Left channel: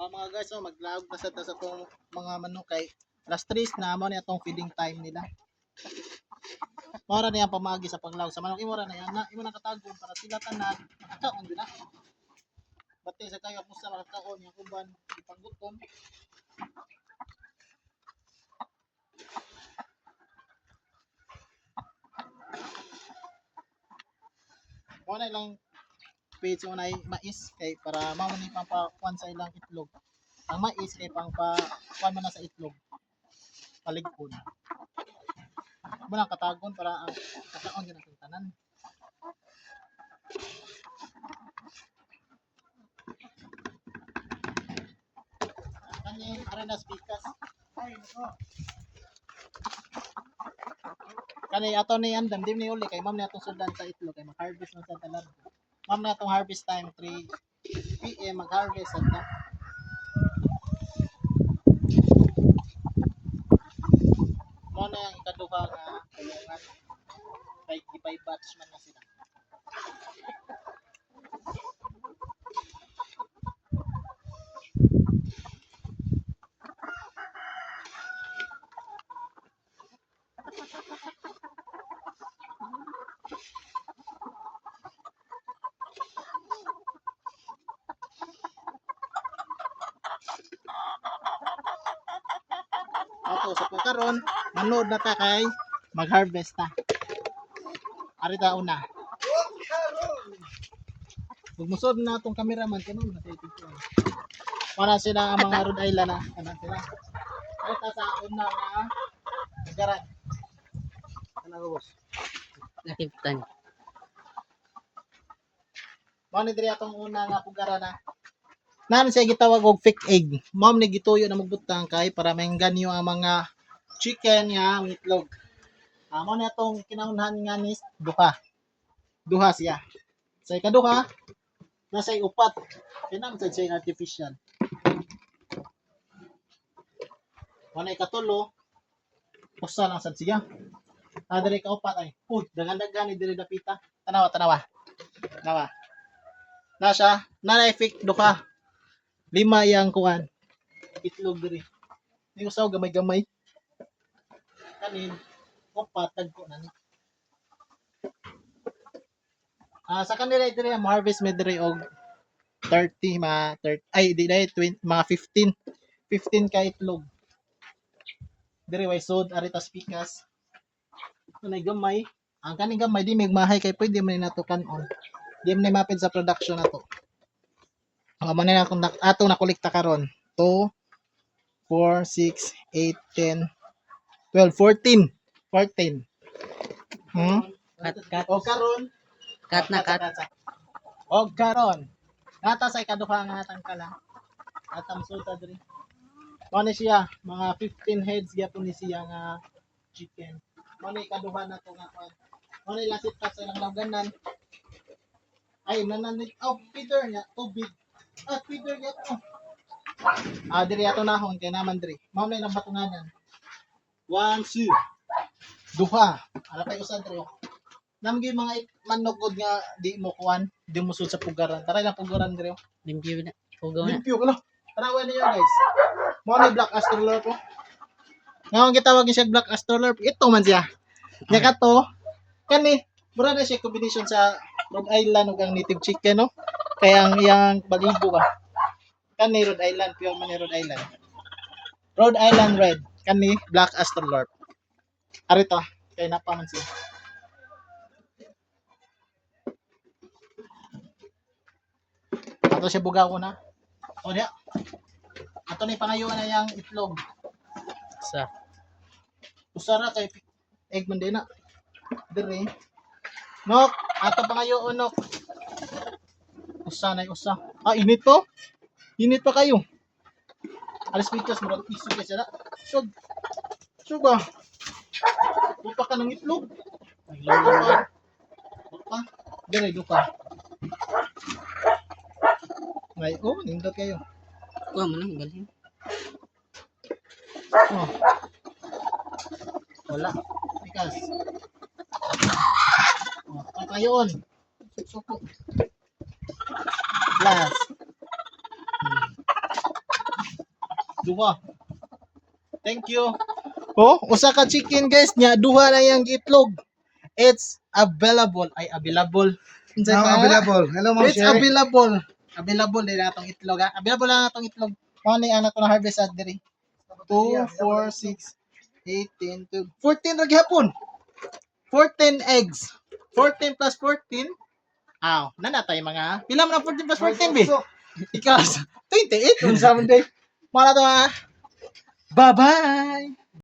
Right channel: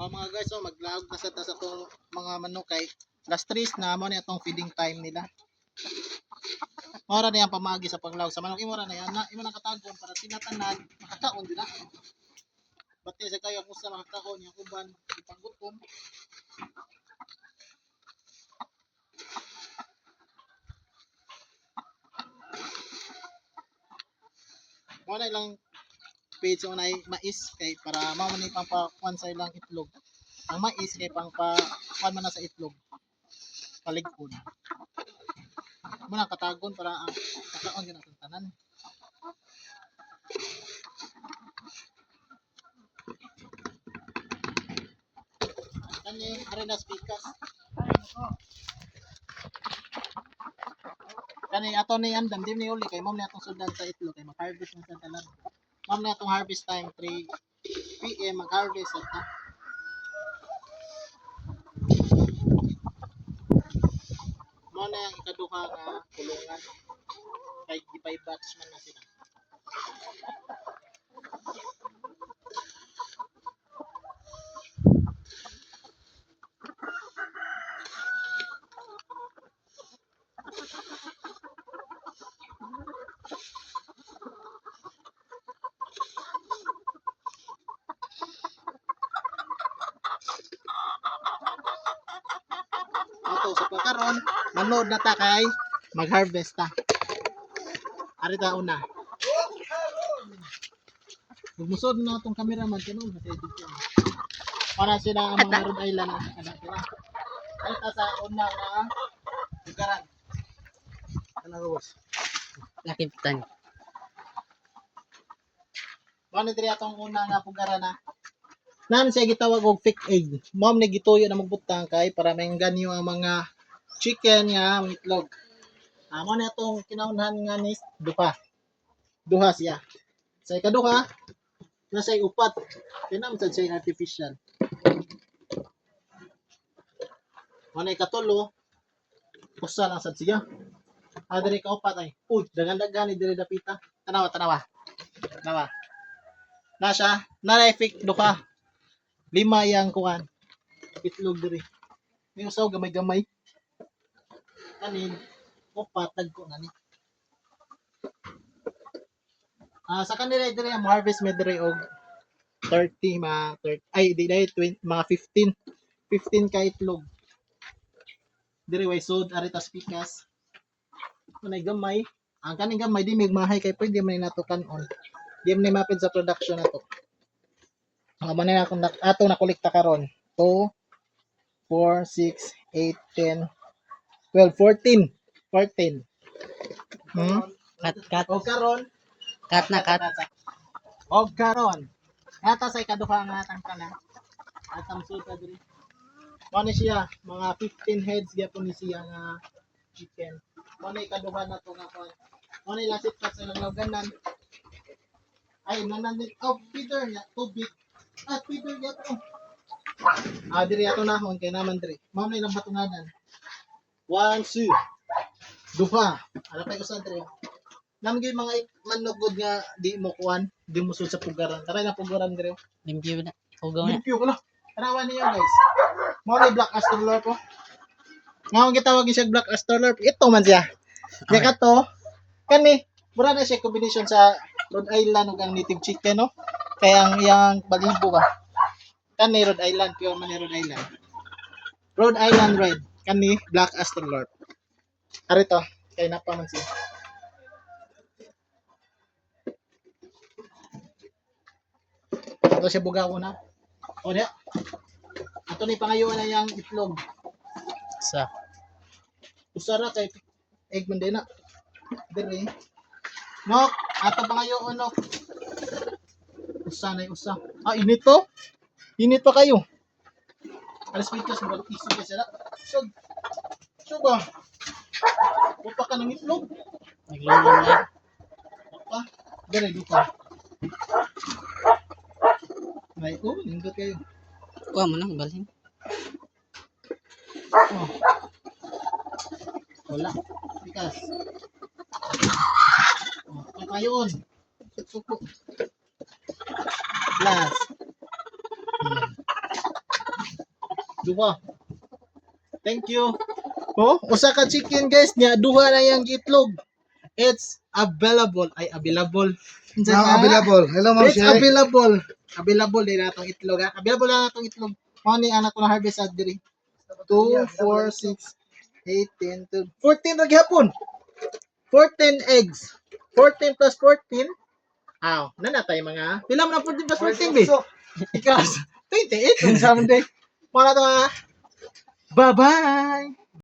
Mga guys, so maglaog na sa itong mga manok kay last 3 na mo na itong feeding time nila. Mora na yan pamagi sa paglaog sa manok. Imora na yan na imo nakatagon para sila tanan makakaon din na. Bati sa kayo kung sa makakaon yung uban ipanggutom. Muna ilang page na mais kay para mao ni pang pakuan sa ilang itlog. Ang mais kay pang pakuan man na sa itlog. Paligpon. Muna katagon para ang kakaon gyud ang tanan. Kani arenas pikas. Kani ato ni andam dim ni uli kay ma'am ni atong sudan sa itlog kay mag-harvest man sa tanan. Ma'am na atong harvest time 3 PM mag-harvest ta. Mo na ang ikaduha nga kulungan kay gipay batch man na sila. Ato sa pagkaron manood na ta kay mag-harvest ta. Ari ta una. Magmusod na atong cameraman kanon sa edit ko. Para sila ang mga Rhode Island na ano sila. Ari ta sa una nga lugaran. Ano boss? Nakipitan. Mao ni diri atong una nga pugaran na. Nan siya gitawag og fake egg. Mao ni gituyo na magbutang kay para maingganyo ang mga chicken nga itlog. Mao ni atong kinahanglan nga ni duha. Duha siya. Sa ikaduha nasa upat. Tinam sa siya artificial. Mao ni katulo usa lang sad siya. Diri ka upat ay. Dagan-dagan ni diri dapita. Tanawa. Tanawa. Na siya, na fake duha. 5 yang kuan. Itlog diri. Ni usaw gamay-gamay. Kanin upat tagko na ni. Sa kanila diri ang harvest me diri og 30 ay di na 20 mga 15 ka itlog. Diri way sod aritas pikas. Kunay gamay, ang kaning gamay di magmahay kay pwede man nato kanon. Di man mapid sa production nato. Man na akong atong nakolekta karon. 2 4 6 8 10 12 14. 14. Kat. O karon Kat na kat. Og karon. Nata sa ikaduha nga tangkala. Atang sulta diri. Mao ni siya mga 15 heads gyapon ni siya nga chicken. Mao ni ikaduha na to nga kon. Mao ni lasit pa sa ilang lawganan. Ay nananit feeder niya tubig. Feeder niya to. Diri ato nahon kay naman diri. Mao na ilang batunganan. 1 2 duha. Ala pay usa diri. Namgay mga manugod nga di mo kuan, di mo sud sa pugaran. Tara lang pugaran diri. Limpyo na. Hugaw na. Limpyo ko na. Tanawan niyo guys. Mo ni Black Astrolorp po. Ngawang gitawag siya Black Astrolorp. Ito man siya. Nya kato kani mura na siya combination sa Rhode Island ug ang native chicken no. Kaya ang iyang balibo ba. Kani Rhode Island, pure man ni Rhode Island. Rhode Island Red. Kani Black Astrolorp. Ari to, kay napa man siya. Ato siya bugaw na. O diya. Ato ni pangayuan na yang itlog. Sa. Usara kay egg man din na. Diri. Nok, ato pangayuan nok. Usa na usa. Init to. Init pa kayo. Alas pitos mo isu ka sila. So ba? Bupa ka ng itlog. Naglolo na. Bupa. Diri dupa. May nindot kayo. Kuha mo nang galing. Wala. Pikas. Kayon. Suko. Plus. Duha. Thank you. Oh, usa ka chicken guys nya duha na yang itlog. It's available. Ay, available. Unsa Now na? available. Hello, Ma'am It's Sherry. available. Available din natong itlog ha. Available na natong itlog. Mao ni ana ko na harvest ad diri. 2, 4, 6, 8, 10, 12, 14 ra gyapon. 14 eggs. 14 plus 14. Aw, nanatay mga. Pila man ang 14 plus 14 be? Ikaw 28 on Sunday. Para to ha. Bye-bye.